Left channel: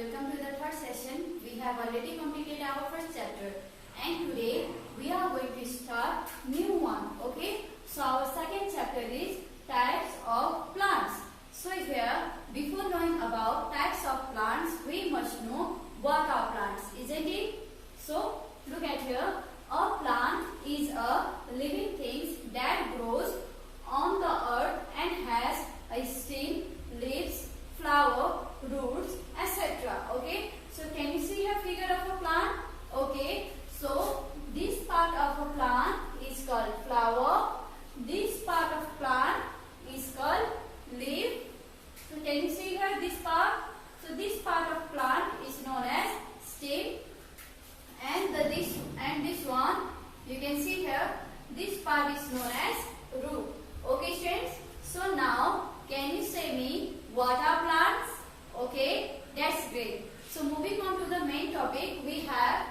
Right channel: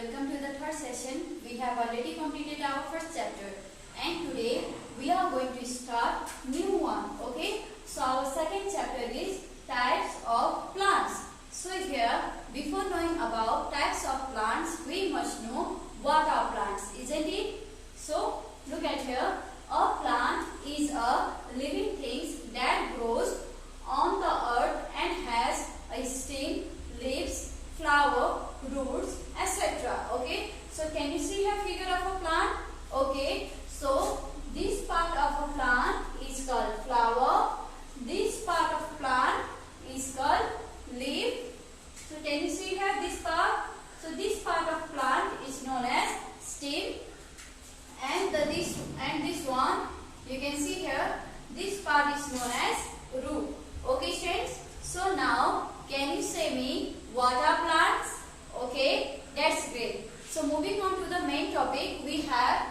welcome to the third session. We have already completed our first chapter and today we are going to start new one. Okay, so our second chapter is types of plants. So here, before knowing about types of plants, we must know what are plants, isn't it? So look at here. A plant is a living thing that grows on the earth and has a stem, leaves, flower, roots, etc. Okay, so can you see a figure of a plant? Okay, so this part of a plant is called flower. This part of plant is called leaf. So can you see here this part? So this part of plant is known as stem, and this one you can see here. This part is known as root. Okay, students. So now can you say me what are plants? Okay, that's great. So moving on to the main topic, we have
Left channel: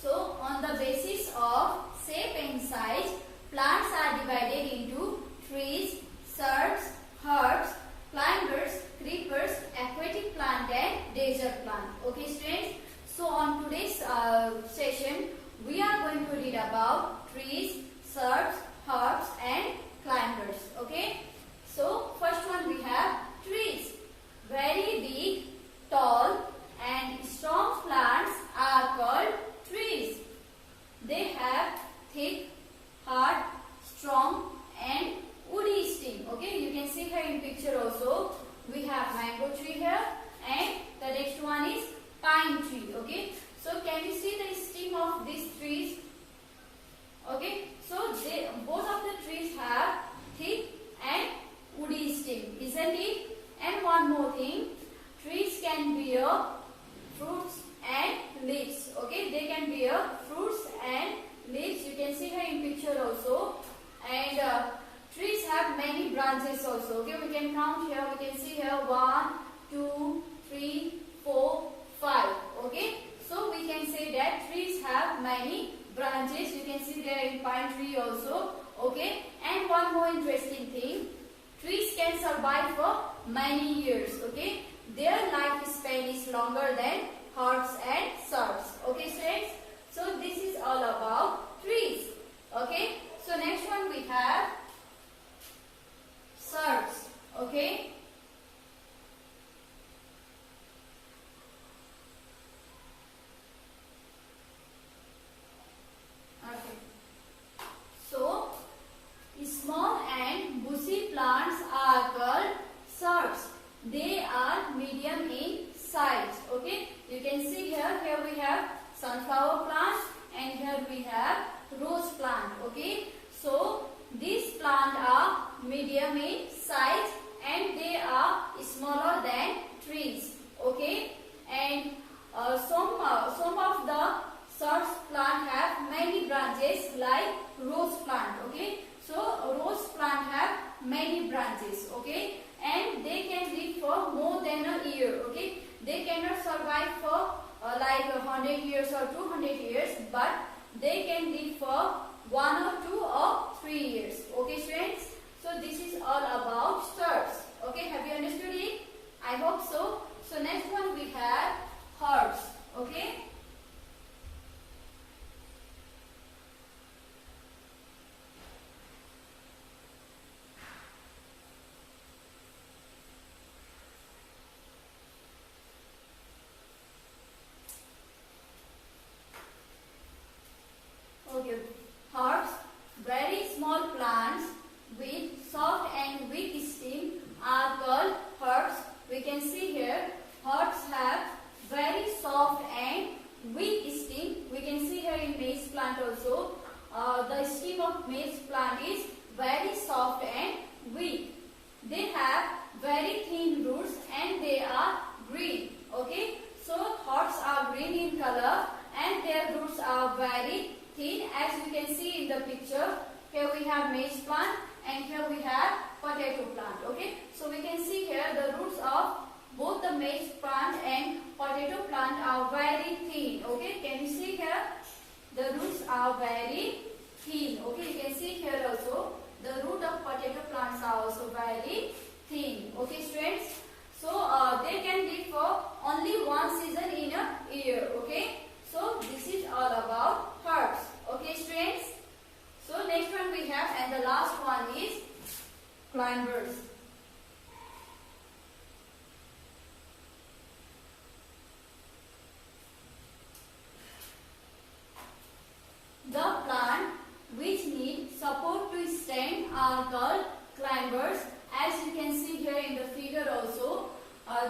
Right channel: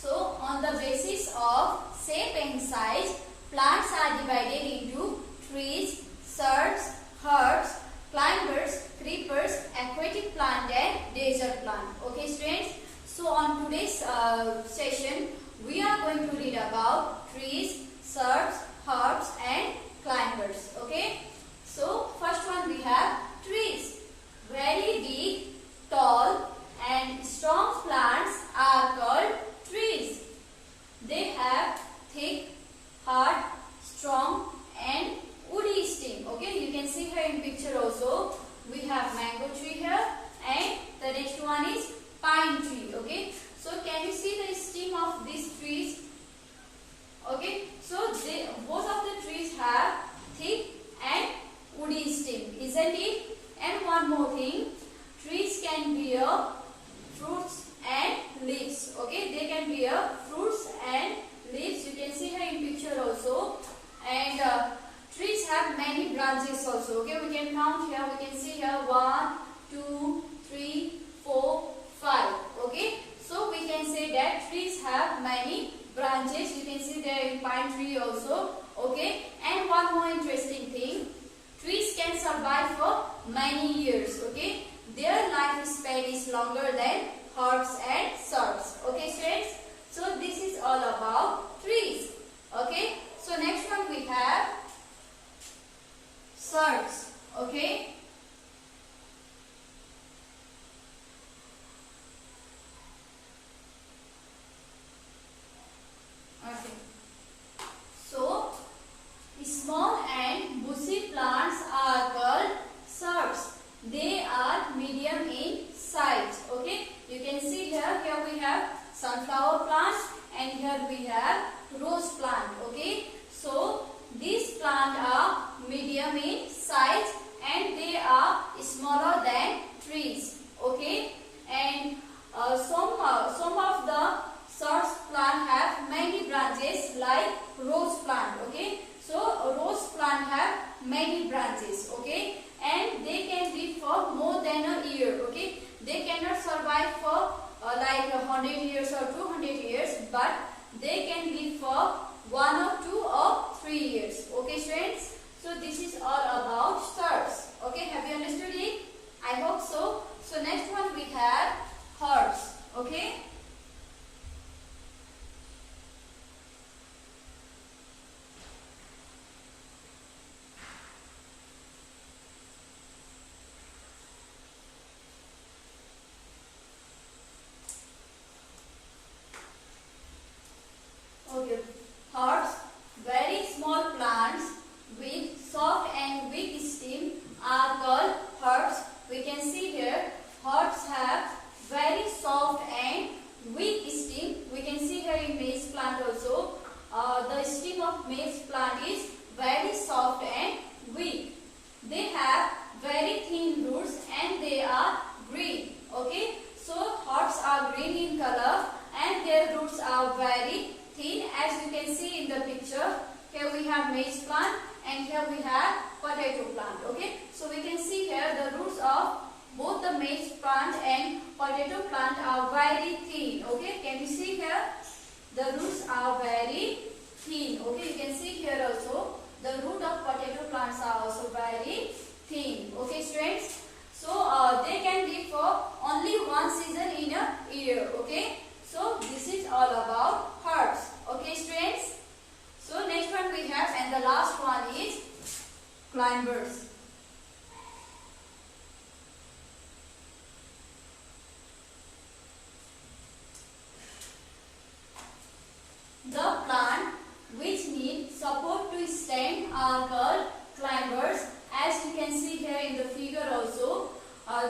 so on the basis of shape and size, plants are divided into trees, shrubs, herbs, climbers, creepers, aquatic plant and desert plant. Okay, students. So on today's session, we are going to read about trees, shrubs, herbs and climbers. Okay. So first one we have trees. Very big, tall and strong plants are called trees. They have thick, hard, strong and woody stem. Okay. You can see here in picture also. We have mango tree here and the next one is pine tree. Okay, so can you see the stem of these trees? Okay, so both of the trees have thick and woody stem, isn't it? And one more thing, trees can bear fruits and leaves. Okay, they can bear fruits and leaves. You can see here in picture also. And trees have many branches also. Okay, we can count here. We can see here 1, 2, 3, 4, 5. Okay, so we can say that trees have many branches. You can see there in pine tree also. Okay, and one more interesting thing, trees can survive for many years. Okay, their lifespan is longer than herbs and shrubs. Okay, students, so this is all about trees. Okay, so next one we have shrubs. Okay. So, small and bushy plants are called shrubs. They are medium in size. Okay, you can see here. Here we have sunflower plant, and here we have rose plant. Okay, so these plants are medium in size, and they are smaller than trees. Okay, and some of the shrubs plant have many branches like rose plant. Okay, so rose plant have many branches. Okay, and they can live for more than a year. Okay, they cannot survive for like 100 years or 200 years, but they can live for 1 or 2 or 3 years. Okay, students, so this is all about shrubs. Okay, have you understood it? I hope so. So next one we have herbs. Okay. Herbs, very small plants with soft and weak stem are called herbs. We can see here herbs have very soft and weak stem. We can see here in maize plant also. The stem of maize plant is very soft and weak. They have very thin roots and they are green. Okay, so herbs are green in color and their roots are very thin, as you can see in the picture. Here we have maize plant and here we have potato plant. Okay, so we can see here the roots of both the maize plant and potato plant are very thin. Okay, can you see here the roots are very thin. Okay, you can see here also climbers. The plant which need support to stand are called climbers. As you can see here in the figure also,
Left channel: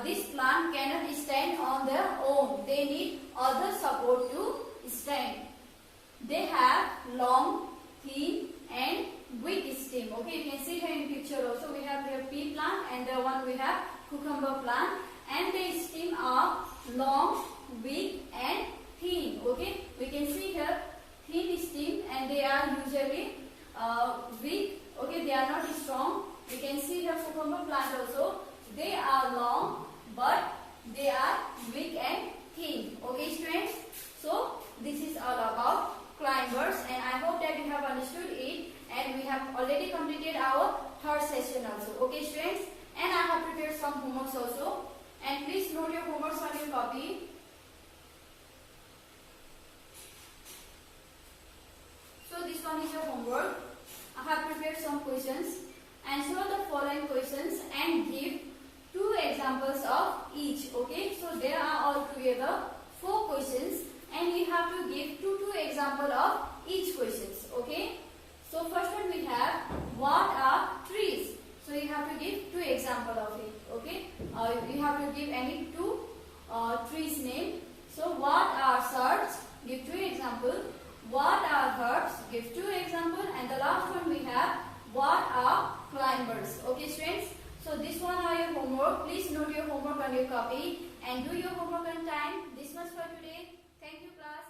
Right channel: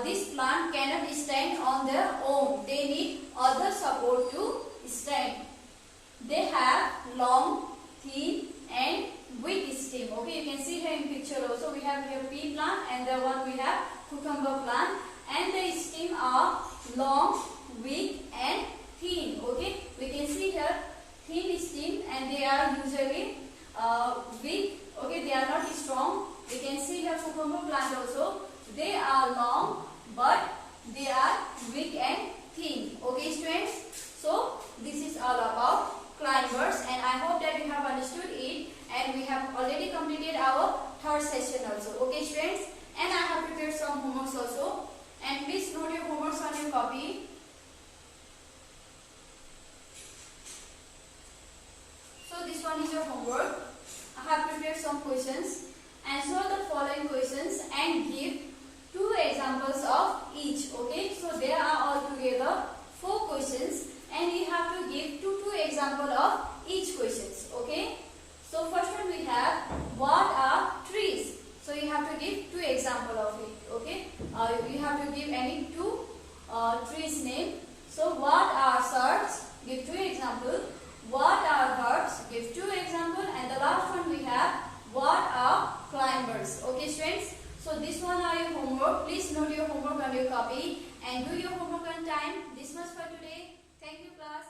this plant cannot stand on their own. They need other support to stand. They have long, thin and weak stem. Okay, you can see here in picture also we have here pea plant and the one we have cucumber plant, and the stem are long, weak and thin. Okay, we can see here thin stem and they are usually weak. Okay, they are not strong. We can see here cucumber plant also. They are long but they are weak and thin. Okay, students. So this is all about climbers, and I hope that you have understood it, and we have already completed our third session also. Okay, students. And I have prepared some homeworks also. And please note your homeworks on your copy. So this one is your homework. I have prepared some questions. Answer the following questions and give 2 examples of each. Okay, so there are altogether 4 questions and you have to give 2 examples of each questions. Okay, so first one we have, what are trees? So you have to give 2 examples of it. Okay, you have to give any 2 trees name. So what are shrubs? Give 2 examples. What are herbs? Give 2 examples. And the last one we have, what are climbers? Okay, students. So this one are your homework. Please note your homework on your copy and do your homework on time. This much for today. Thank you, class.